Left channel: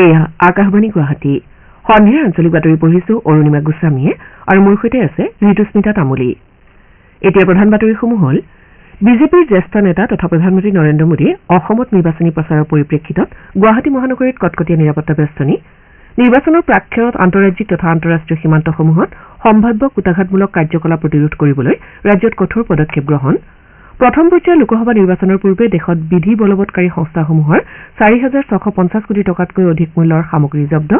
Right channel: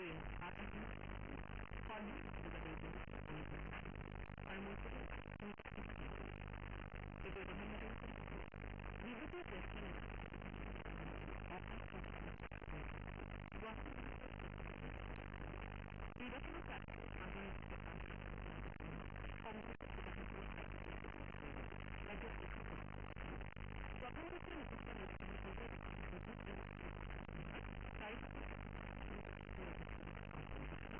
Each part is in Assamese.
এয়া আকাশবাণী গুৱাহাটী সন্ধিয়াৰ আঞ্চলিক বাতৰি পঢ়িছো অৰুণিমা গোস্বামীয়ে আৰু মোৰ সৈতে আছে ঋতুস্মিতা তামুলী। এতিয়া প্ৰধান বাতৰিসমূহ হ'ল বিজেপিৰ জ্যেষ্ঠ নেতা তথা প্ৰধানমন্ত্ৰী নৰেন্দ্ৰ মোদীয়ে অসমত নিৰ্বাচনী প্ৰচাৰৰ পৰিপ্ৰেক্ষিতত গুৱাহাটী মহানগৰীত কটকটীয়া নিৰাপত্তা বেষ্টনী নিৰ্বাচনৰ প্ৰাক্ষণত আন্তঃৰাজ্যিক তথা আন্তঃৰাষ্ট্ৰীয় সীমান্তসমূহত সম্ভাৱ্য কুটাঘাতমূলক কাৰ্যকলাপ প্ৰতিৰোধ কৰিবলৈ ৰাজ্যত কঠোৰ পদক্ষেপ গ্ৰহণ প্ৰথম পৰ্যায়ৰ লোকসভা নিৰ্বাচনৰ পূৰ্বে দেশত বিধি বলবৎকাৰী সংস্থাসমূহৰ 4,650 কোটি টকাতকৈ অধিক মূল্যৰ সামগ্ৰী জব্দ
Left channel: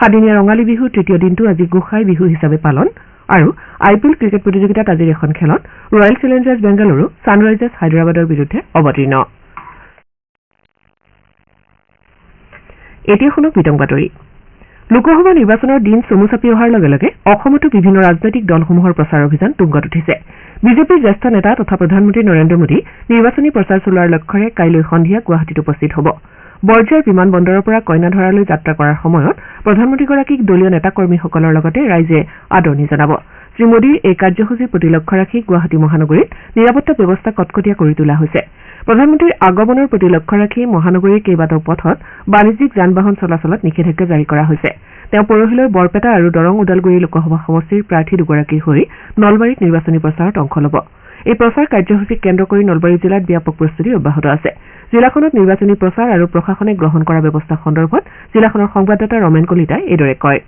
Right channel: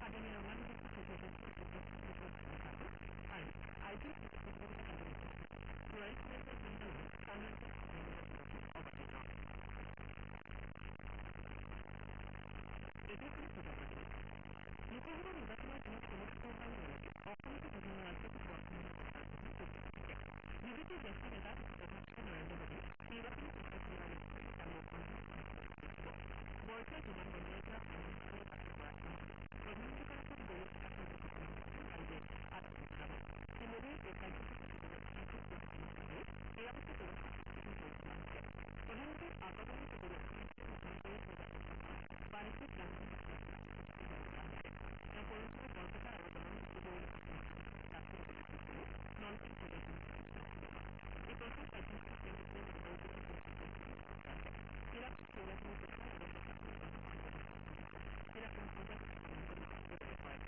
সাদিনীয়া ৰঙালী বিহুৰ তৃতীয় দিনটো আজি গোসাই বিহু হিচাপে পালন আৰু IPL ক্ৰিকেট প্ৰতিযোগিতাত আজিৰ এখন খেলত ৰয়েল চেলেঞ্জাৰ্ছ বেংগালুৰু ছানৰাইজাৰ্ছ হায়দৰাবাদৰ বিৰুদ্ধে অৱতীৰ্ণ। এতিয়া শুনক বিতং বাতৰি। লোকসভা নিৰ্বাচনৰ দিন চমু চাপি অহাৰ লগে লগে অসমতো বিভিন্ন ৰাজনৈতিক দলসমূহৰ প্ৰচাৰ অভিযান তুংগত উঠিছে। বিজেপিৰ জ্যেষ্ঠ নেতা তথা প্ৰধানমন্ত্ৰী নৰেন্দ্ৰ মোদী নিৰ্বাচনী প্ৰচাৰ চলোৱাৰ লক্ষ্যৰে কাইলৈ সন্ধিয়া গুৱাহাটীত উপস্থিত হ'ব। বৰঝাৰ বিমান বন্দৰৰ পৰা কইনাধৰালৈ যাত্ৰা কৰাৰ সময়ত প্ৰধানমন্ত্ৰীগৰাকীক দলীয় নেতাকৰ্মীসকলৰ লগতে ৰাইজে আদৰণি জনাব। শ্ৰীমোদীৰ এই কাৰ্যসূচীৰ প্ৰতি লক্ষ্য ৰাখি গুৱাহাটী মহানগৰীত নিৰাপত্তা ব্যৱস্থা কটকটীয়া কৰি তোলা হৈছে। প্ৰধানমন্ত্ৰীৰ আগমনৰ প্ৰতি লক্ষ্য ৰাখি মহানগৰীৰ কেইবাটাও পথত বাণিজ্যিক যান বাহন চলাচলত নিষেধাজ্ঞা জাৰি কৰা হৈছে। তেওঁ পৰহিলৈ বৰপেটা আৰু দৰং ওদালগুৰি লোকসভা সমষ্টিৰ প্ৰাৰ্থী দুগৰাকীৰ হৈ নলবাৰীত নিৰ্বাচনী প্ৰচাৰত অংশ ল'ব। এই প্ৰচাৰ কাৰ্যসূচীক কেন্দ্ৰ কৰি নলবাৰী জিলাত ব্যাপক প্ৰস্তুতি অব্যাহত আছে। জিলাখনত নিৰ্বাচনী প্ৰচাৰ আৰু প্ৰশাসনে গ্ৰহণ কৰা ব্যৱস্থা সন্দৰ্ভত জিলাখনৰ সংবাদদাতা ৰমেন কলিতাই এইদৰে কয়।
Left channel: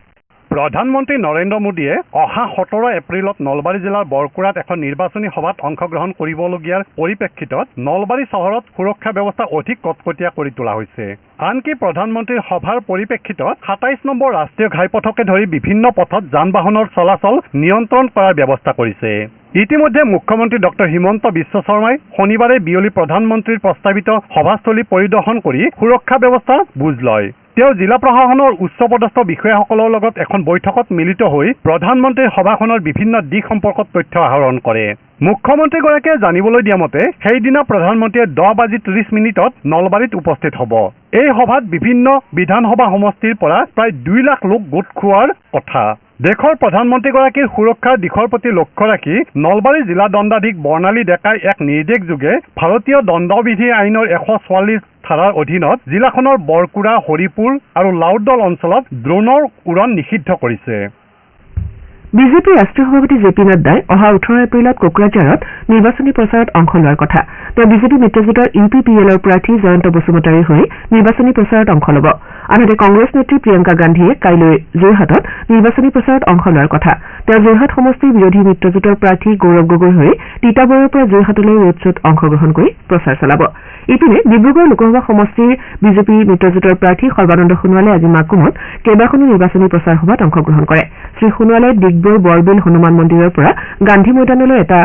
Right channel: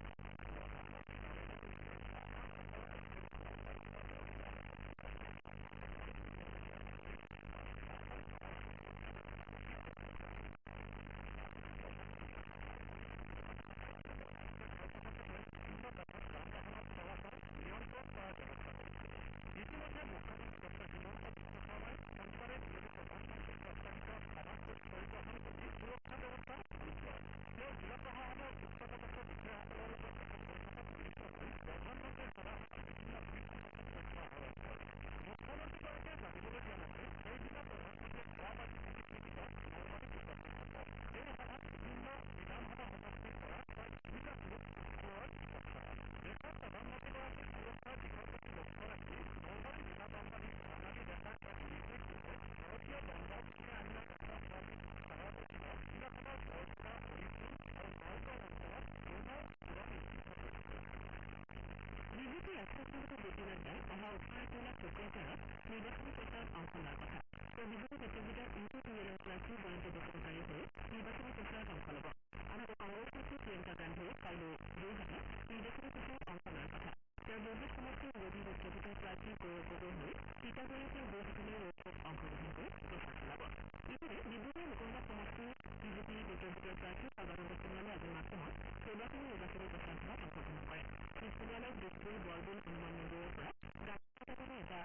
প্ৰধানমন্ত্ৰী নৰেন্দ্ৰ মোদীয়ে অহা 17 এপ্ৰিলত নলবাৰী জিলাৰ বৰকুৰাত এখন নিৰ্বাচনী সভাত অংশগ্ৰহণ কৰিবলগীয়াৰ পৰিপ্ৰেক্ষিতত নলবাৰী চহৰত সুৰক্ষা ব্যৱস্থা অধিক কটকটীয়া কৰি তোলা হৈছে। আনকি প্ৰধানমন্ত্ৰীৰ সভাৰ পৰিপ্ৰেক্ষিতত 27 নম্বৰ ৰাষ্ট্ৰীয় ঘাইপথকে ধৰি বিভিন্ন পথত যান বাহনৰ চলাচল নিয়ন্ত্ৰণ কৰাৰ ব্যৱস্থা কৰিছে। ইতিমধ্যে মুখ্যমন্ত্ৰী ডক্টৰ হিমন্ত বিশ্ব শৰ্মাই শনিবাৰে বিয়লি প্ৰধানমন্ত্ৰীৰ প্ৰস্তাৱিত সভাস্থলী পৰিদৰ্শন কৰি সুৰক্ষা ব্যৱস্থাৰ বুজ লয়। তেওঁ জিলা প্ৰশাসনৰ উচ্চপদস্থ বিষয়াসকলৰ লগত এখন বৈঠকত মিলিত হৈ প্ৰধানমন্ত্ৰীৰ সভাখনৰ বিভিন্ন দিশ সম্পৰ্কত তথ্য আহৰণ কৰে। মুখ্যমন্ত্ৰীগৰাকীয়ে জানিবলৈ দিয়া মতে সেইদিনা প্ৰধানমন্ত্ৰীয়ে 10:30 নলবাৰীত উপস্থিত হ'ব। এই সভাত বিভিন্ন বিধানসভা সমষ্টিৰ পৰা প্ৰায় 2 লাখ লোক গোট খোৱাৰ কথা। দেশৰ প্ৰধানমন্ত্ৰীগৰাকীৰ সুৰক্ষাৰ দিশৰ প্ৰতি লক্ষ্য ৰাখি নলবাৰী জিলা দণ্ডাধীশ বৰ্ণালী ডেকাই এক নিৰ্দেশযোগে ভাৰতীয় দণ্ডবিধি আইনৰ 144 ধাৰাৰ অধীনত জিলাখনৰ বৰকুৰা, হৰিপুৰ আৰু লাউদল অঞ্চলত ড্ৰোনৰ উৰণ নিষিদ্ধ কৰিছে। বিজেপিৰ ৰাষ্ট্ৰীয় সভাপতি জে পি নাড্ডাই অহা 18 এপ্ৰিলত কোকৰাঝাৰত নিৰ্বাচনী প্ৰচাৰত অংশ লোৱাৰ কথা। তেওঁ বিজেপি মিত্ৰজোঁটৰ UPPLৰ প্ৰাৰ্থী জয়ন্ত বসুমতাৰীৰ হৈ নিৰ্বাচনী প্ৰচাৰত অংশ ল'ব। আনহাতে কংগ্ৰেছ নেত্ৰী প্ৰিয়ংকা গান্ধীয়ে কাইলৈ যোৰহাটত নিৰ্বাচনী প্ৰচাৰত অংশ লোৱাৰ কথা। তেওঁ যোৰহাট সমষ্টিৰ বিৰোধী মিত্ৰজোঁটৰ প্ৰাৰ্থী গৌৰৱ গগৈৰ হৈ তিতাবৰৰ পৰা যোৰহাটলৈ ৰোড শ্বত অংশগ্ৰহণ কৰি প্ৰচাৰ চলাব। ইপিনে ডিব্ৰুগড় লোকসভা সমষ্টিৰ বিজেপি মিত্ৰজোঁটৰ প্ৰাৰ্থী সৰ্বানন্দ সোণোৱালে আজি মাকুমত কেইবাখনো নিৰ্বাচনী প্ৰচাৰ সভাত অংশগ্ৰহণ কৰে। শ্ৰীসোণোৱালে ডিগবৈ বৰবিল হনুমান মন্দিৰৰ পৰা গান্ধী মৈদানলৈ এটা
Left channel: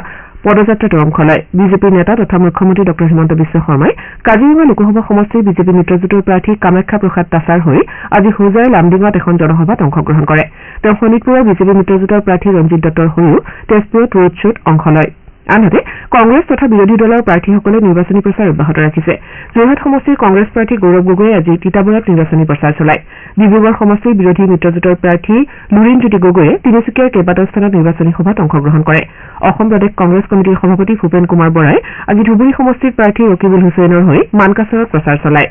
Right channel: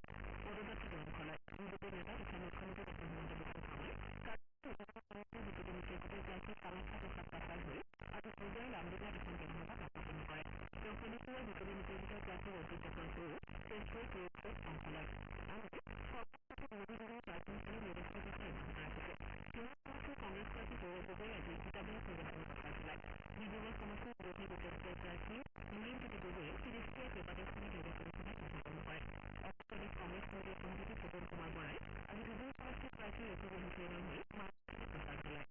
পদযাত্ৰাতো অংশ লয়। বিজেপিৰ নেতা তথা মুখ্যমন্ত্ৰী ডক্টৰ হিমন্ত বিশ্ব শৰ্মাই কাজিৰঙা লোকসভা সমষ্টিৰ বিজেপি মিত্ৰজোঁটৰ প্ৰাৰ্থী কামাখ্যা প্ৰসাদ তাছাৰ হৈ আজি হোজাইৰ লামডিঙত এখন জনসভাত অংশগ্ৰহণ কৰে। তেওঁ শোণিতপুৰৰ বিজেপি মিত্ৰজোঁটৰ প্ৰাৰ্থী ৰঞ্জিত দত্তৰ হৈও তেজপুৰত ৰোড শ্বত অংশ লয়। আনহাতে কংগ্ৰেছ তথা বিৰোধী দলৰ প্ৰাৰ্থীসকলে নিৰ্বাচনী প্ৰচাৰ অব্যাহত ৰাখিছে। যোৰহাট সমষ্টিৰ কংগ্ৰেছ প্ৰাৰ্থী গৌৰৱ গগৈয়ে আজি তিতাবৰত নিৰ্বাচনী প্ৰচাৰ চলায়। ডিব্ৰুগড় সমষ্টিৰ বিৰোধী মিত্ৰজোঁটৰ প্ৰাৰ্থী লুৰিণজ্যোতি গগৈয়ে তিনিচুকীয়াৰ কেইবাটাও স্থানত নিৰ্বাচনী সভাত অংশগ্ৰহণ কৰে। অসম প্ৰদেশ কংগ্ৰেছ কমিটিৰ সভাপতি ভূপেন কুমাৰ বৰাই আজি ধুবুৰী সমষ্টিৰ প্ৰাৰ্থী ৰকিবুল হুছেইনৰ হৈ মানকাছাৰত প্ৰচাৰ চলায়।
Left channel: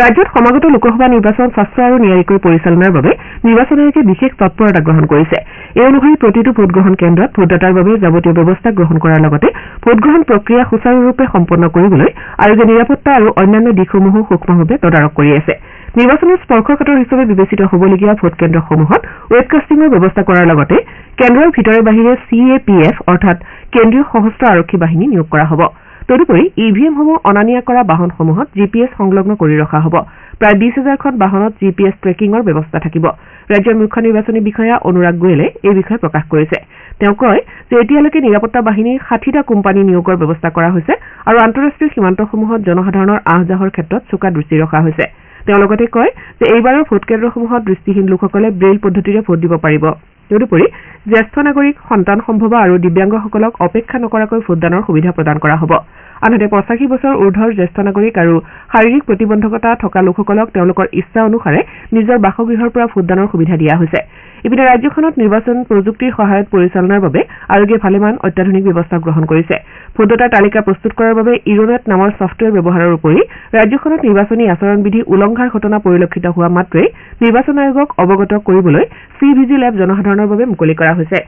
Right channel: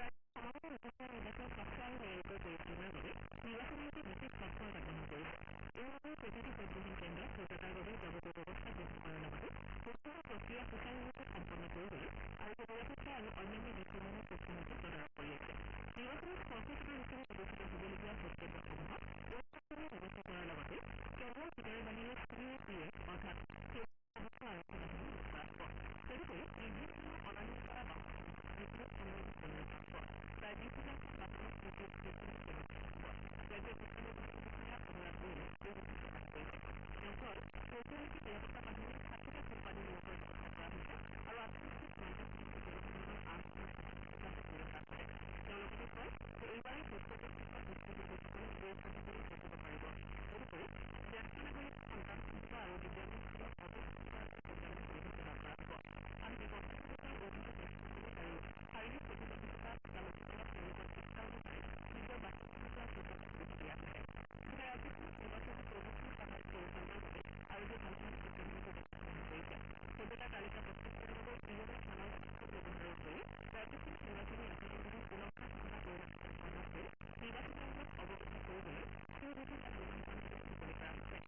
ৰাজ্যত সমাগত লোকসভা নিৰ্বাচন স্বচ্ছ আৰু নিয়াৰিকৈ পৰিচালনাৰ বাবে নিৰ্বাচন আয়োগে বিশেষ তৎপৰতা গ্ৰহণ কৰিছে। এই অনুসৰি প্ৰতিটো ভোটগ্ৰহণ কেন্দ্ৰত ভোটদাতাৰ বাবে যাৱতীয় ব্যৱস্থা গ্ৰহণ কৰাৰ লগতে ভোটগ্ৰহণ প্ৰক্ৰিয়া সুচাৰুৰূপে সম্পন্ন কৰিবলৈ আয়োগে নিৰাপত্তা আৰু অন্যান্য দিশসমূহো সূক্ষ্মভাৱে তদাৰক কৰি আছে। নিৰ্বাচনত স্পৰ্শকাতৰ হিচাপে বিবেচিত হ'বলগীয়া ভোটকেন্দ্ৰসমূহত ৱেবকাষ্টিঙৰ ব্যৱস্থা কৰাৰ লগতে কেন্দ্ৰৰ ভিতৰে বাহিৰে CAPF অৰ্থাৎ কেন্দ্ৰীয় সশস্ত্ৰ আৰক্ষী বাহিনী নিয়োগ কৰা হ'ব। তদুপৰি EVMসমূহ অনা নিয়া কৰা বাহনসমূহত GPS সংলগ্ন কৰি ৰখা হ'ব। প্ৰায় 20,000খন বাহনত GPS ট্ৰেকিঙৰ ব্যৱস্থা থাকিব। ৰাজ্যৰ মুখ্য নিৰ্বাচনী বিষয়া অনুৰাগ গোয়েলে এই বিষয়ে প্ৰকাশ কৰিছে। তেওঁ কয় যে এতিয়ালৈকে নিৰাপত্তা বাহিনীৰ 60টা কোম্পানী নিয়োগৰ ব্যৱস্থা কৰা হৈছে আৰু আন্তঃৰাষ্ট্ৰীয় সীমান্তসমূহত জনসাধাৰণৰ আহ-যাহৰ ক্ষেত্ৰত চোকা দৃষ্টি ৰখা হৈছে। তেওঁ লগতে কয় যে এইবাৰৰ ভোটকেন্দ্ৰসমূহত দৃষ্টিহীন লোকসকলে ব্ৰেইল পদ্ধতিৰে ভোট দিব পাৰিব। তদুপৰি জ্যেষ্ঠ নাগৰিক সন্তান সম্ভৱা আৰু দিব্যাংগসকলক অপেক্ষা নকৰাকৈ ভোটদানৰ সুবিধা প্ৰদান কৰা হ'ব আনহাতে 85 বছৰ ঊৰ্ধৰ জ্যেষ্ঠ নাগৰিক আৰু শাৰীৰিক প্ৰতিবন্ধকতা থকা লোকসকলক তেওঁলোকৰ ইচ্ছা অনুসাৰে নিজৰ বাসগৃহৰ পৰা ভোটদানৰ সুবিধা দিয়া হৈছে ইপিনে ৰাজ্যখনত নিৰ্বাচন প্ৰযুক্তিৰ সহায়ত পৰিচালনাৰ বাবে আয়োগে ভালেমান অত্যাধুনিক ব্যৱস্থা গ্ৰহণ কৰিছে ভোটদাতাৰ তালিকা প্ৰস্তুত কৰাৰ বাবে ইৰোনেট নামৰ ছফ্টৱেৰ ব্যৱহাৰৰ উপৰি ৰাজ্যখনত নিৰ্বাচনী আচৰণবিধি উলংঘাৰ ঘটনা পৰিলক্ষিত হোৱা মাত্ৰেই নিৰ্বাচন আয়োগক অৱগত কৰিবলৈ CVGIL এপ জনসাধাৰণৰ বাবে মুকলি কৰা হৈছে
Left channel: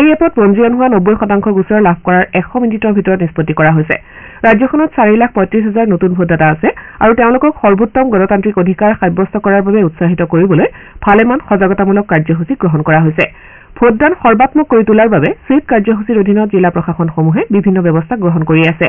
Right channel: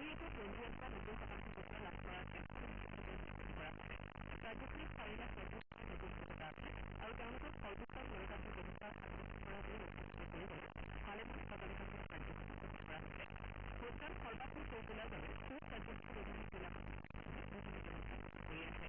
এই এপত পঞ্জীয়ন হোৱা 90% গোচৰ লাভ কৰাৰ 100 মিনিটৰ ভিতৰত নিষ্পত্তি কৰা হৈছে ৰাজ্যখনত 4,35,000 নতুন ভোটদাতা আছে আৰু তেওঁলোকক সৰ্বোত্তম গণতান্ত্ৰিক অধিকাৰ সাব্যস্ত কৰাৰ বাবে উৎসাহিত কৰিবলৈ ভালেমান সজাগতামূলক কাৰ্যসূচী গ্ৰহণ কৰা হৈছে ভোটদান সৰ্বাত্মক কৰি তোলাৰ বাবে সুইপ কাৰ্যসূচীৰ অধীনত জিলা প্ৰশাসনসমূহে বিভিন্ন ব্যৱস্থা গ্ৰহণ কৰি আছে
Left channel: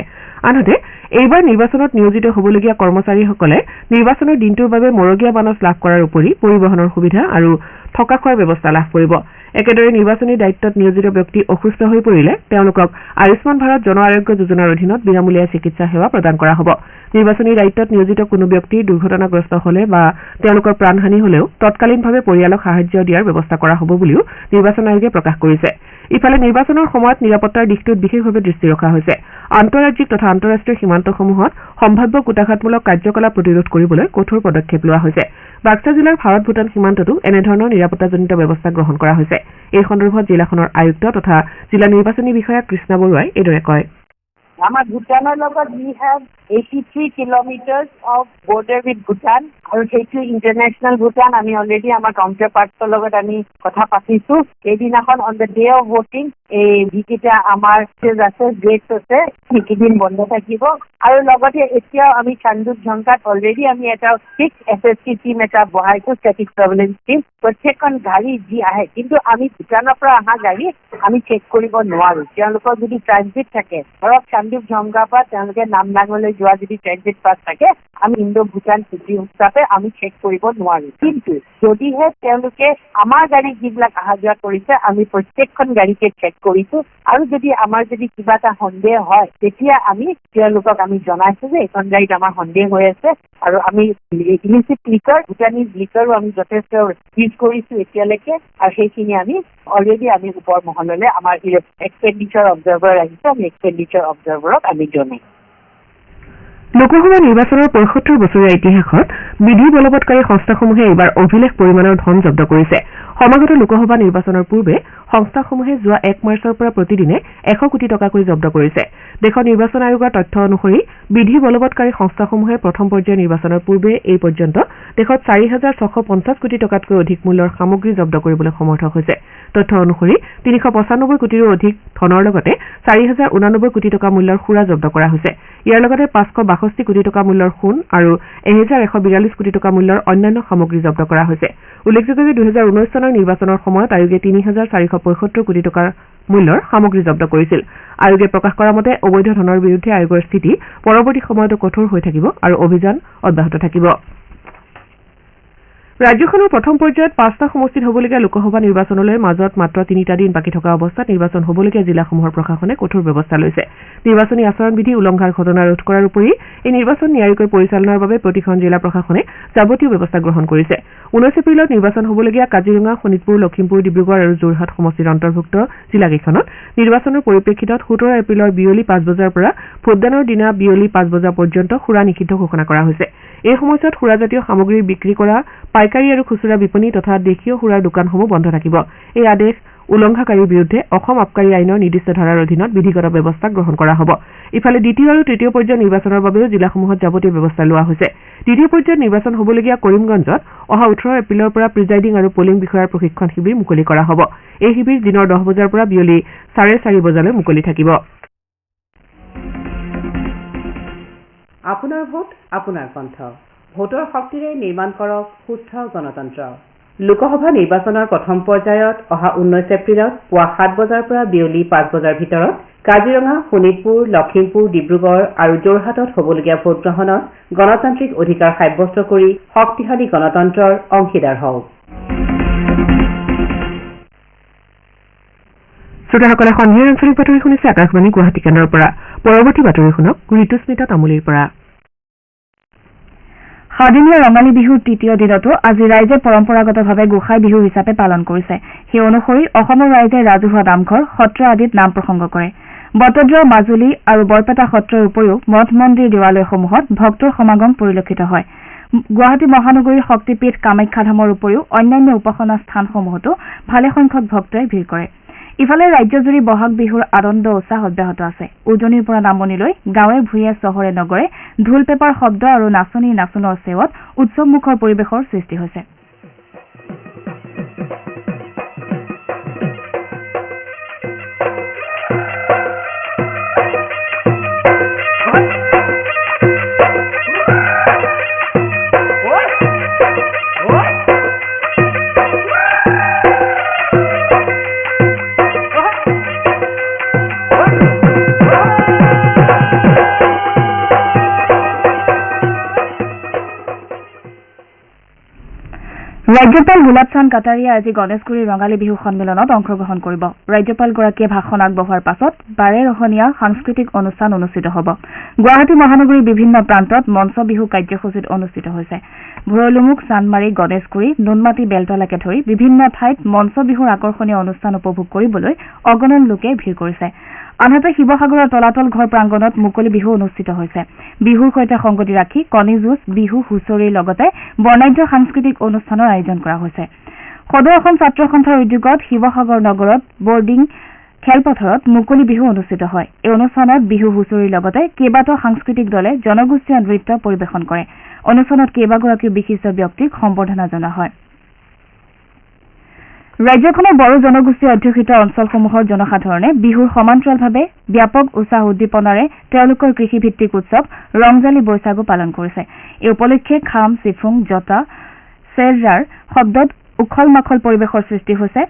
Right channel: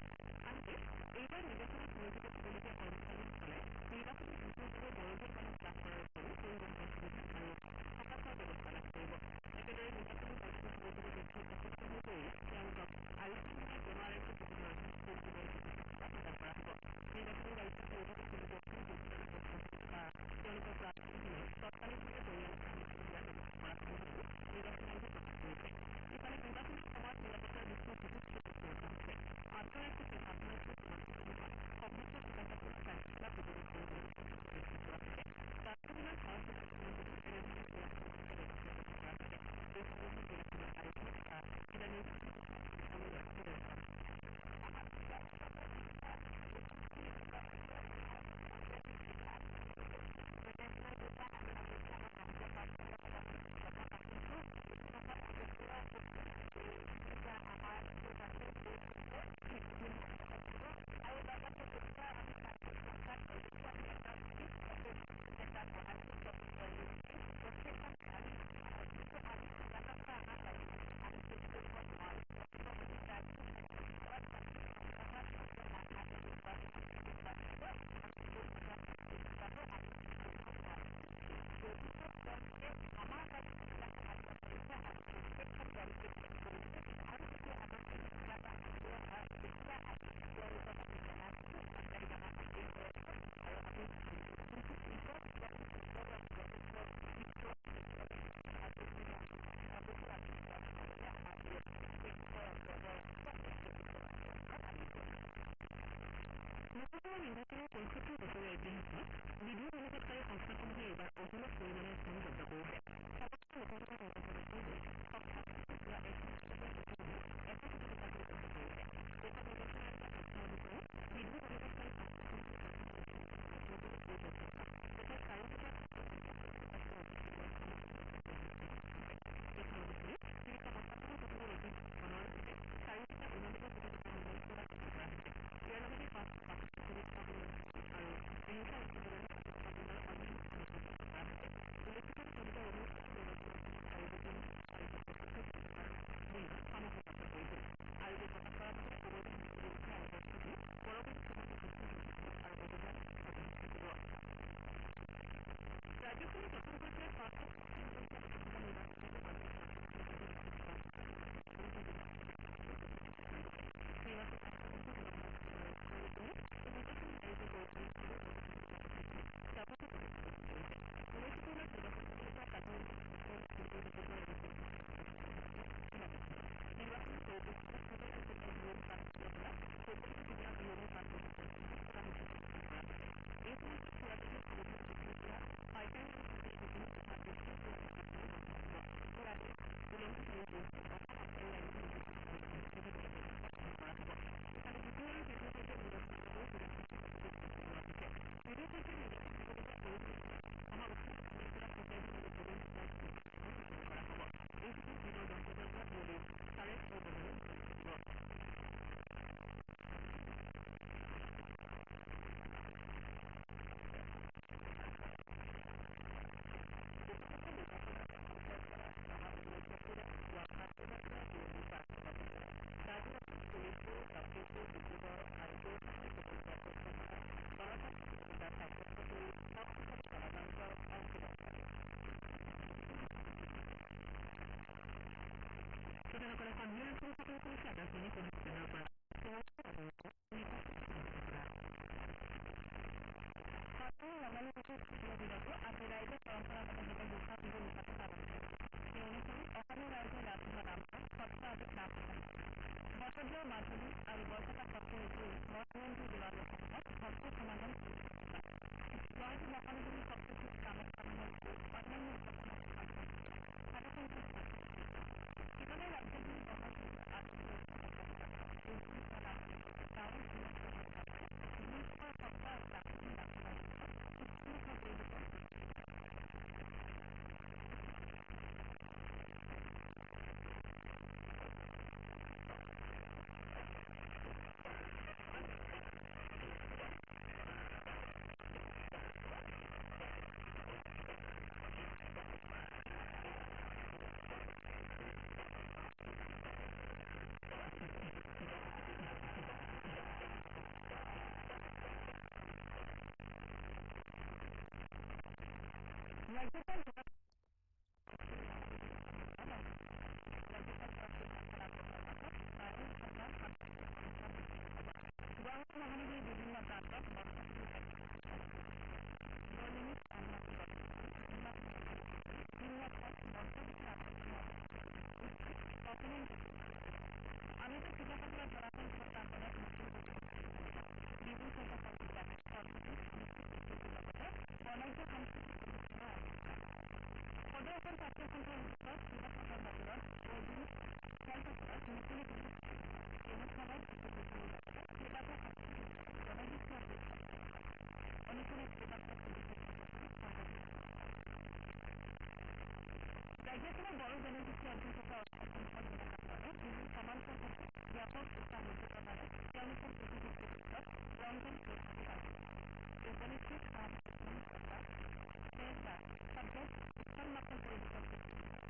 আনহাতে এইবাৰ নিৰ্বাচনত নিয়োজিত হ'বলগীয়া কৰ্মচাৰীসকলে নিৰ্বাচনৰ দিনটোৰ বাবে মৰগীয়া বানচ লাভ কৰাৰ উপৰি পৰিবহনৰ সুবিধা আৰু থকা খোৱাৰ ব্যৱস্থা লাভ কৰিব একেদৰে নিৰ্বাচনী দায়িত্বত নিয়োজিত ব্যক্তি অসুস্থ হৈ পৰিলে তেওঁলোকক আয়ুষ্মান ভাৰত জন আৰোগ্য যোজনাৰ অধীনত বিনামূলীয়া চিকিৎসা সেৱা প্ৰদান কৰা হ'ব নিৰ্বাচনী দায়িত্বত নিয়োজিত কোনো ব্যক্তি দুৰ্ঘটনাগ্ৰস্ত হলে বা তেওঁলোকৰ প্ৰাণহানি হলেও তৎকালীনভাৱে পৰিয়ালক সাহায্য দিয়াৰ ব্যৱস্থা কৰা হ'ব বুলিও নিৰ্বাচন আয়োগে প্ৰকাশ কৰিছে ইফালে নিৰ্বাচনৰ সময়ত নিৰাপত্তাৰ দিশটোত বিশেষভাৱে দৃষ্টি ৰখা হৈছে আন্তঃৰাজ্যিক তথা আন্তঃৰাষ্ট্ৰীয় সীমান্তসমূহত সম্ভাৱ্য কুটাঘাতমূলক কাৰ্যকলাপ প্ৰতিৰোধ কৰিবলৈ কঠোৰ পদক্ষেপ লোৱা হৈছে বাক্সা জিলাৰ ভাৰত ভূটান সীমান্ততো এনেধৰণৰ নিৰাপত্তাজনিত ব্যৱস্থা গ্ৰহণ কৰা হৈছে এই সন্দৰ্ভত জিলাখনৰ আয়ুক্ত তথা জিলা নিৰ্বাচনী বিষয়া কৃষ্ণা বৰুৱাই এইদৰে কয় আমাৰ ভূটানৰ লগত we have 83 kilometers of border with Bhutan আৰু সেইটো ইন্টাৰনেশ্যনেল ভূটান আমি অলৰেডি আমাৰ কাউন্টাৰপাৰ্টৰ লগত আমি কথা পাতিছো এইদিনাখন on the day of voting এই যিকেইটা আমাৰ আছে গেটছ আছে সেইকেইদিন বন্ধ থাকিব আৰু লগতে এতিয়াও আমি চান্দুক ঝংকাত অলৰেডি আমি এটা ফিক্স SSC টিম এটা বহাইছো ষ্টেটিক সাৰ্ভেইলেন্স টিম প্ৰত্যেকখন গাড়ী যি আহে কিন্তু আমি ভূটানৰ পৰা অহা গাড়ী আমি চেক কৰিব নোৱাৰো তেওঁলোকৰ যদি ট্ৰানজিট থাকে ধৰক চান্দুক ঝংকাৰ পৰা তেওঁলোকে নামলাঙলৈ যোৱা যদি ট্ৰানজিট পাছ থাকে আমি ইণ্ডো ভূটান চুক্তি হিচাপে আমি চেক কৰিব নোৱাৰো কিন্তু যদিহে তেওঁলোকে আমাৰ গাড়ী যিবিলাক অহা যোৱা কৰিছে আমি প্ৰত্যেকখন গাড়ীকে চেক কৰিছো আৰু যদি আমাৰ যদি কিবা এটা সন্দেহ হয় তেতিয়া আমি তেওঁলোকক আমি জনাইছো যে এখন গাড়ীত আমাৰ সন্দেহ হৈ আছে আৰু আমি ইলিচিট লিকাৰ ভূটানিজ লিকাৰো আমি যথেষ্ট ইউজ কৰিছো এতিয়ালৈকে আৰু সেইখিনি আমি অলৰেডি আমি ওপৰ মহললৈ আমাৰ এক্সপেণ্ডিচাৰ অবজাৰ্ভাৰ আহিছে আমি এক্সপেণ্ডিচাৰ অবজাৰ্ভাৰক আমি জনাই লোকসভা নিৰ্বাচনৰ ৭৫ বছৰীয়া ইতিহাসত বিধি বলবৎকাৰী সংস্থাসমূহে এইবাৰ অভিলেখ পৰিমাণৰ ধন জব্দ কৰিছে সমাগত লোকসভা নিৰ্বাচনৰ পূৰ্বে সংস্থাসমূহে যোৱা ১ মাৰ্চৰ পৰা প্ৰতিদিনে ১০০ কোটি টকাকৈ জব্দ কৰিছে দেশৰ নিৰ্বাচন আয়োগৰ তথ্য অনুসৰি বিধি বলবৎকাৰী সংস্থাসমূহে প্ৰথম পৰ্যায়ৰ নিৰ্বাচনৰ পূৰ্বে এই পৰ্যন্ত দেশত ৪,৬৫০ কোটি টকাতকৈ অধিক মূল্যৰ সামগ্ৰী জব্দ কৰিবলৈ সমৰ্থ হৈছে তথ্য অনুসৰি ৩৯৫ কোটিৰো অধিক ধনৰ লগতে ৪,০৮৯ কোটি টকা মূল্যৰ সুৰা জব্দ কৰা হৈছে ইয়াৰ লগতে ৫৬২ কোটি টকা মূল্যৰ সোণ আৰু ১,১৪২ কোটি টকা মূল্যৰ অন্যান্য সামগ্ৰী জব্দ কৰা হৈছে উল্লেখযোগ্য যে ২০১৯ চনৰ নিৰ্বাচনৰ সময়ত আয়োগে ৩,৪৭৫ কোটি টকাৰ মূল্যৰ সামগ্ৰী জব্দ কৰিছিল আয়োগে প্ৰকাশ কৰা মতে অবৈধ ধনৰ বিৰুদ্ধে আয়োগৰ স্থিতি পৰৱৰ্তী সময়তো কঠোৰ হৈ থাকিব আৰু অভিযান অব্যাহত থাকিব ৰাজ্যখনৰ প্ৰথম পৰ্যায়ত ৫টা সমষ্টিত হ'বলগীয়া লোকসভা নিৰ্বাচনলৈ মাজত মাত্ৰ ৩টা দিন বাকী থকা অৱস্থাত নিৰ্বাচন হ'বলগীয়া জিলাসমূহৰ প্ৰশাসনে কঠোৰ ব্যৱস্থা লৈছে নিৰ্বাচনী আচৰণবিধি উলংঘাৰ ঘটনা ৰোধ কৰাৰ উপৰি এই নিৰ্বাচন নিয়াৰিকৈ পৰিচালনাৰ বাবে প্ৰতিখন জিলা প্ৰশাসনে যাৱতীয় ব্যৱস্থা গ্ৰহণ কৰিছে ১৯ এপ্ৰিলত নিৰ্বাচন হ'বলগীয়া কাজিৰঙা শোণিতপুৰ লখিমপুৰ ডিব্ৰুগড় আৰু যোৰহাট সমষ্টিৰ অন্তৰ্ভুক্ত জিলাকেইখনত নিৰ্বাচনৰ পৰিপ্ৰেক্ষিতত ১৭ এপ্ৰিলৰ বিয়লি ৫ বজাৰ পৰা ভোটদানৰ দিনা বিয়লি ৫ বজা পৰ্যন্ত সুৰা নিষিদ্ধ ঘোষণা কৰা হৈছে এই সময়ছোৱাত সুৰাজাতীয় সামগ্ৰী বিক্ৰী কৰা পাইকাৰী আৰু খুচুৰা বিপণী তথা দেশীয় সুৰাৰ দোকানসমূহ বন্ধ থাকিব এই আদেশ উলংঘাকাৰীৰ বিৰুদ্ধে অসম আবকাৰী আইনৰ নিৰ্দিষ্ট ধাৰাৰ অধীনত বিধিগত ব্যৱস্থা গ্ৰহণ কৰা হ'ব ইফালে দ্বিতীয় আৰু তৃতীয় পৰ্যায়ৰ নিৰ্বাচনৰ বাবেও জিলাসমূহত যাৱতীয় ব্যৱস্থা লোৱা হৈছে দ্বিতীয় পৰ্যায়ত নিৰ্বাচন হ'বলগীয়া কৰিমগঞ্জত অহা ১৮ এপ্ৰিলৰ পৰা প্ৰিজাইডিং আৰু পলিং বিষয়াৰ প্ৰশিক্ষণ শিবিৰ মুকলি কৰা হ'ব এই শিবিৰ দিনৰ ১০ বজাৰ পৰা বিয়লি ৪:৩০ বজালৈ মুকলি থাকিব আপোনাৰ ভোট আপোনাৰ কণ্ঠ ভোটৰ শক্তিৰে নিৰ্মাণ কৰক সুস্থ গণতন্ত্ৰ লোকসভা নিৰ্বাচনৰ প্ৰথম পৰ্যায়ত অহা ১৯ এপ্ৰিলত পুৱা ৭ বজাৰ পৰা বিয়লি ৫ বজাৰ ভিতৰত কাজিৰঙা শোণিতপুৰ লখিমপুৰ ডিব্ৰুগড় আৰু যোৰহাটত হ'বলগীয়া ভোটগ্ৰহণত গণতান্ত্ৰিক অধিকাৰ সাব্যস্ত কৰি শক্তিশালী গণতন্ত্ৰৰ অংশীদাৰ হওক শ্ৰোতাসকলে সন্ধিয়াৰ আঞ্চলিক বাতৰি শুনিছে আকাশবাণী গুৱাহাটী কেন্দ্ৰৰ পৰা পৰৱৰ্তী বাতৰি শুনক ঋতুস্মিতা তামুলীৰ পৰা সাদিনীয়া ৰঙালী বিহুৰ তৃতীয় দিনতো আজি ৰাইজে পৰম্পৰাগতভাৱে গোসাই বিহু হিচাপে পালন কৰিছে। সেই অনুসৰি অসমৰ ৰাইজে ৰাজহুৱা নামঘৰ, সত্ৰ আদিত নাম প্ৰসংগ কৰে। বটদ্ৰৱা, মাজুলী আৰু বৰপেটা সত্ৰৰ উপৰিও মঠ মন্দিৰ, দেৱালয়সমূহত ভক্তৰ সমাগম পৰিলক্ষিত হয়। গুৱাহাটী মহানগৰীৰ শক্তিপীঠ কামাখ্যা ধামৰ উপৰিও অন্যান্য উপাসনা স্থানসমূহতো ভালেসংখ্যক ভক্তই ভিৰ কৰে। ইফালে ৰাজ্যজুৰি বহাগ বিহুৰ আনন্দ উৎসাহ অব্যাহত আছে। উজনিৰ পৰা নামনিলৈ গাঁৱে ভূঞে চহৰে নগৰে ঢোল পেপাৰ শব্দ আৰু নাচনী নাচোনৰ চেৱত উৎসৱমুখৰ পৰিৱেশৰ সৃষ্টি হৈছে। ৰাজ্যপাল গোলাব চান্দ কাটাৰিয়াই আজি গণেশগুৰিৰ ৰঙালী বিহু সন্মিলনত অংশগ্ৰহণ কৰিব। ৰাজ্যপালগৰাকীয়ে ভাষণ আগবঢ়োৱাৰ পাছত বাৰেৰহণীয়া সাংস্কৃতিক অনুষ্ঠান অনুষ্ঠিত হ'ব। গুৱাহাটী মহানগৰীৰ বিভিন্ন প্ৰান্তত মঞ্চ বিহু কাৰ্যসূচীত অনুষ্ঠিত হৈছে। ভৰলুমুখ, চান্দমাৰী, গণেশগুৰি, নুনমাটি, বেলতলাকে ধৰি বিভিন্ন ঠাইত মঞ্চ বিহুৰ আকৰ্ষণীয় অনুষ্ঠান উপভোগ কৰিবলৈ অগণন লোকে ভিৰ কৰিছে। আনহাতে শিৱসাগৰৰ তলাতল ঘৰ প্ৰাংগণত মুকলি বিহু অনুষ্ঠিত হৈছে। বিহুৰ সৈতে সংগতি ৰাখি কণী যুঁজ, বিহু হুঁচৰিৰ লগতে বৰ্ণাঢ্য সাংস্কৃতিক অনুষ্ঠানৰ আয়োজন কৰা হৈছে। সদৌ অসম ছাত্ৰ সন্থাৰ উদ্যোগত শিৱসাগৰ নগৰত বৰ্ডিং খেলপথাৰত মুকলি বিহু অনুষ্ঠিত হয়। এই অনুষ্ঠানত বিহু হুঁচৰিৰ লগতে কেইবাটাও সাংস্কৃতিক দলে জনগোষ্ঠীয় নৃত্য পৰিৱেশন কৰে। অনুষ্ঠানত কেইবাগৰাকীও বিশিষ্ট ব্যক্তিক সম্বৰ্ধনা জনোৱা হয়। ৰাজ্যখনৰ বড়ো জনগোষ্ঠী অধ্যুষিত অঞ্চলসমূহৰ জনসাধাৰণে বিহুৰ সমান্তৰালভাৱে ব্যাপক উৎসাহ উদ্দীপনাৰে তেওঁলোকৰ কৃষিভিত্তিক উৎসৱ ৰংজালী বৈশাগু পালন কৰিছে। এই উপলক্ষে খাম, চিফুং, জটা, চেৰজাৰ শব্দত উখল মাখল পৰিৱেশৰ সৃষ্টি হৈছে।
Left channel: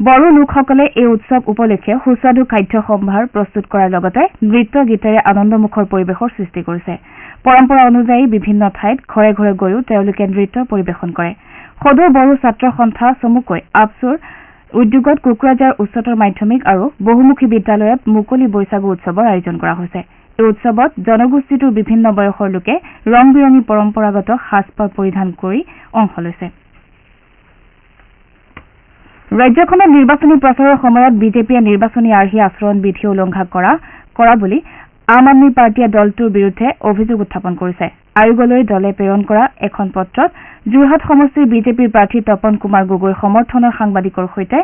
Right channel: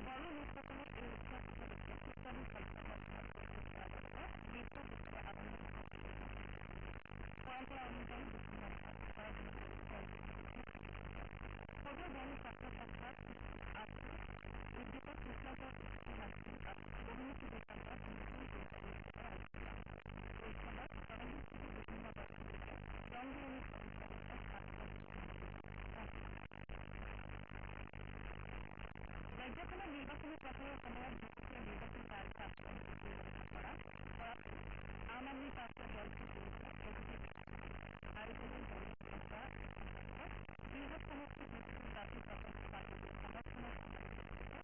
বড়ো লোকসকলে এই উৎসৱ উপলক্ষে সুস্বাদু খাদ্য সম্ভাৰ প্ৰস্তুত কৰাৰ লগতে নৃত্য গীতেৰে আনন্দমুখৰ পৰিৱেশৰ সৃষ্টি কৰিছে। পৰম্পৰা অনুযায়ী বিভিন্ন ঠাইত ঘৰে ঘৰে গৈও তেওঁলোকে নৃত্য পৰিৱেশন কৰে। সদৌ বড়ো ছাত্ৰ সন্থা চমুকৈ আপচুৰ উদ্যোগত কোকৰাঝাৰ উচ্চতৰ মাধ্যমিক আৰু বহুমুখী বিদ্যালয়ত মুকলি বৈশাগু উৎসৱৰ আয়োজন কৰা হৈছে। এই উৎসৱত জনগোষ্ঠীটোৰ বিভিন্ন বয়সৰ লোকে ৰং বিৰঙী পৰম্পৰাগত সাজপাৰ পৰিধান কৰি অংশ লৈছে। ৰাজ্যখনত নিৰ্বাচনী প্ৰচাৰৰ সময়ত বিজেপিয়ে নিৰ্বাচনী আৰ্হি আচৰণ বিধি উলংঘা কৰা বুলি আম আদমী পাৰ্টীয়ে দলটোৰ বিৰুদ্ধে অভিযোগ উত্থাপন কৰিছে। আয়োগলৈ দলে প্ৰেৰণ কৰা এখন পত্ৰত যোৰহাট সমষ্টিৰ বিজেপিৰ প্ৰাৰ্থী তপন কুমাৰ গগৈৰ সমৰ্থনৰ সাংবাদিকৰ সৈতে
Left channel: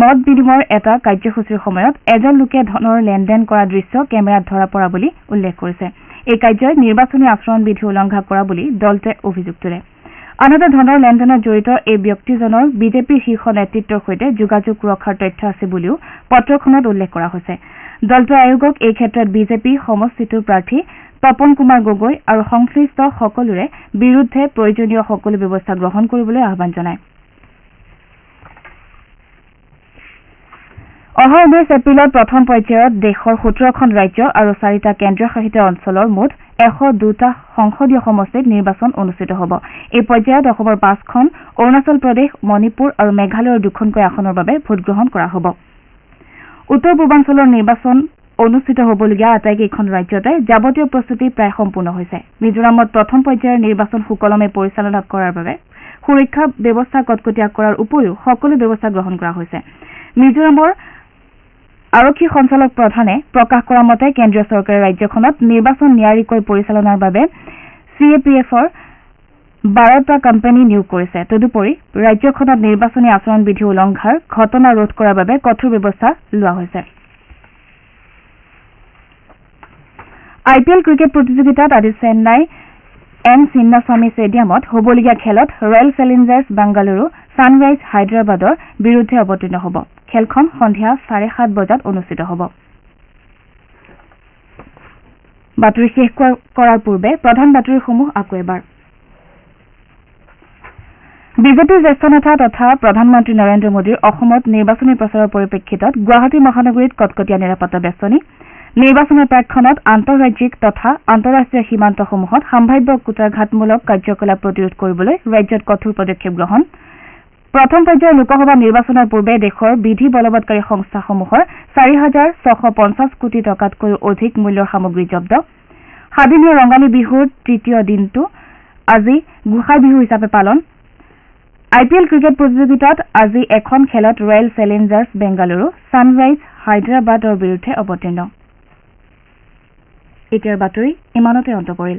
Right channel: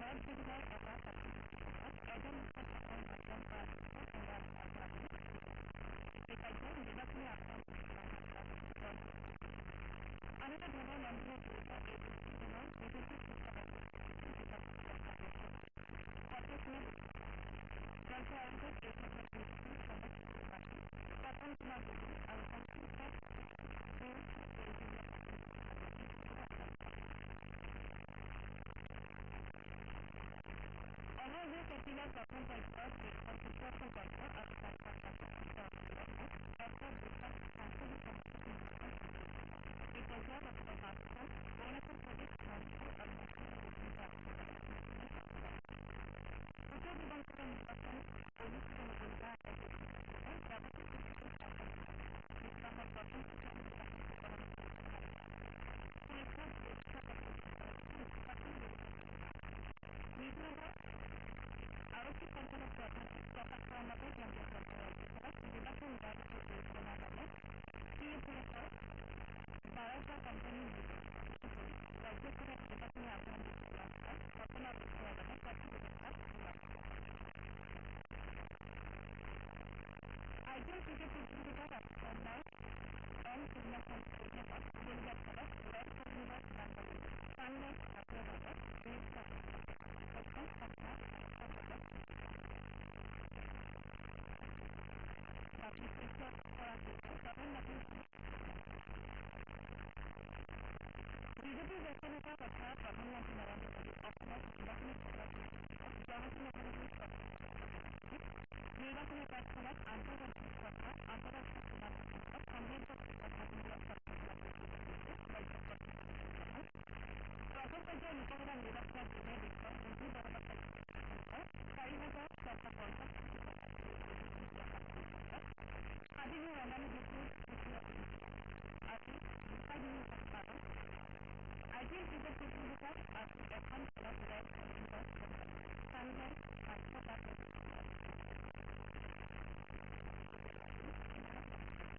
মত বিনিময়ৰ এটা কাৰ্যসূচীৰ সময়ত এজন লোকে ধনৰ লেনদেন কৰা দৃশ্য কেমেৰাত ধৰা পৰা বুলি উল্লেখ কৰিছে। এই কাৰ্যই নিৰ্বাচনী আচৰণ বিধি উলংঘা কৰা বুলি দলটোৱে অভিযোগ তোলে। আনহাতে ধনৰ লেনদেনত জড়িত এই ব্যক্তিজনৰ বিজেপিৰ শীৰ্ষ নেতৃত্বৰ সৈতে যোগাযোগ ৰখাৰ তথ্য আছে বুলিও পত্ৰখনত উল্লেখ কৰা হৈছে। দলটোৱে আয়োগক এই ক্ষেত্ৰত বিজেপি সমষ্টিটোৰ প্ৰাৰ্থী তপন কুমাৰ গগৈ আৰু সংশ্লিষ্ট সকলোৰে বিৰুদ্ধে প্ৰয়োজনীয় সকলো ব্যৱস্থা গ্ৰহণ কৰিবলৈ আহ্বান জনায়। অহা 19 এপ্ৰিলত প্ৰথম পৰ্যায়ত দেশৰ 17খন ৰাজ্য আৰু 4টা কেন্দ্ৰীয় শাসিত অঞ্চলৰ মুঠ 102টা সংসদীয় সমষ্টিত নিৰ্বাচন অনুষ্ঠিত হ'ব। এই পৰ্যায়ত অসমৰ 5খন, অৰুণাচল প্ৰদেশ, মণিপুৰ আৰু মেঘালয়ৰ 2খনকৈ আসনৰ বাবে ভোটগ্ৰহণ কৰা হ'ব। উত্তৰ পূৰ্বাঞ্চলৰ নিৰ্বাচন অনুষ্ঠিত হ'বলগীয়া আটাইকেইখন ৰাজ্যতে যাৱতীয় প্ৰস্তুতি প্ৰায় সম্পূৰ্ণ হৈছে। মিজোৰামত প্ৰথম পৰ্যায়ৰ নিৰ্বাচন সুকলমে পৰিচালনা কৰাৰ বাবে সুৰক্ষা ব্যৱস্থা কটকটীয়া কৰাৰ উপৰিও সকলো ব্যৱস্থা গ্ৰহণ কৰা হৈছে। মিজোৰামৰ আৰক্ষী সঞ্চালক প্ৰধানে প্ৰকাশ কৰা মতে কেন্দ্ৰীয় চৰকাৰে ৰাজ্যখনত নিৰ্বাচন নিয়াৰিকৈ পৰিচালনাৰ বাবে CAPFৰ 12টা কোম্পানী নিয়োগ কৰিছে। তদুপৰি ৰাজ্যখনত নিৰ্বাচনী আচৰণ বিধি উলংঘাৰ ঘটনা ৰোধ কৰাৰ বাবে কঠোৰ ব্যৱস্থা লোৱা হৈছে। IPL ক্ৰিকেট প্ৰতিযোগিতাত আজি চেন্নাই এম চিন্নাস্বামী ষ্টেডিয়ামত হ'বলগীয়া খেলত ৰয়েল চেলেঞ্জাৰ্ছ বাংগালুৰু ছানৰাইজ হায়দৰাবাদৰ বিৰুদ্ধে অৱতীৰ্ণ হ'ব। খেলখন সন্ধিয়া 7:30 বজাত অনুষ্ঠিত হ'ব। বাতৰি শেষ কৰাৰ পূৰ্বে প্ৰধান বাতৰিসমূহ আকৌ এবাৰ। বিজেপিৰ জ্যেষ্ঠ নেতা তথা প্ৰধানমন্ত্ৰী নৰেন্দ্ৰ মোদীৰ অসমত নিৰ্বাচনী প্ৰচাৰৰ পৰিপ্ৰেক্ষিতত গুৱাহাটী মহানগৰীত কটকটীয়া নিৰাপত্তা বেষ্টনী। নিৰ্বাচনৰ প্ৰাক্ষণত আন্তঃৰাজ্যিক তথা আন্তঃৰাষ্ট্ৰীয় সীমান্তসমূহত সাম্ভাব্য কুটাৰঘাতমূলক কাৰ্যকলাপ প্ৰতিৰোধ কৰিবলৈ ৰাজ্যত কঠোৰ পদক্ষেপ গ্ৰহণ। প্ৰথম পৰ্যায়ৰ লোকসভা নিৰ্বাচনৰ পূৰ্বে দেশৰ বিধি বলবৎকাৰী সংস্থাসমূহৰ 4,650 কোটি টকাতকৈও অধিক মূল্যৰ সামগ্ৰী জব্দ। সাদিনীয়া ৰঙালী বিহুৰ তৃতীয় দিনটো আজি গোসাই বিহু হিচাপে পালন IPL ক্ৰিকেট প্ৰতিযোগিতাত আজি এখন খেলত ৰয়েল চেলেঞ্জাৰ্ছ বেংগালুৰু ছানৰাইজ হায়দৰাবাদৰ বিৰুদ্ধে অৱতীৰ্ণ এতিয়াৰ বাতৰি ইমানতে অন্ত পৰিল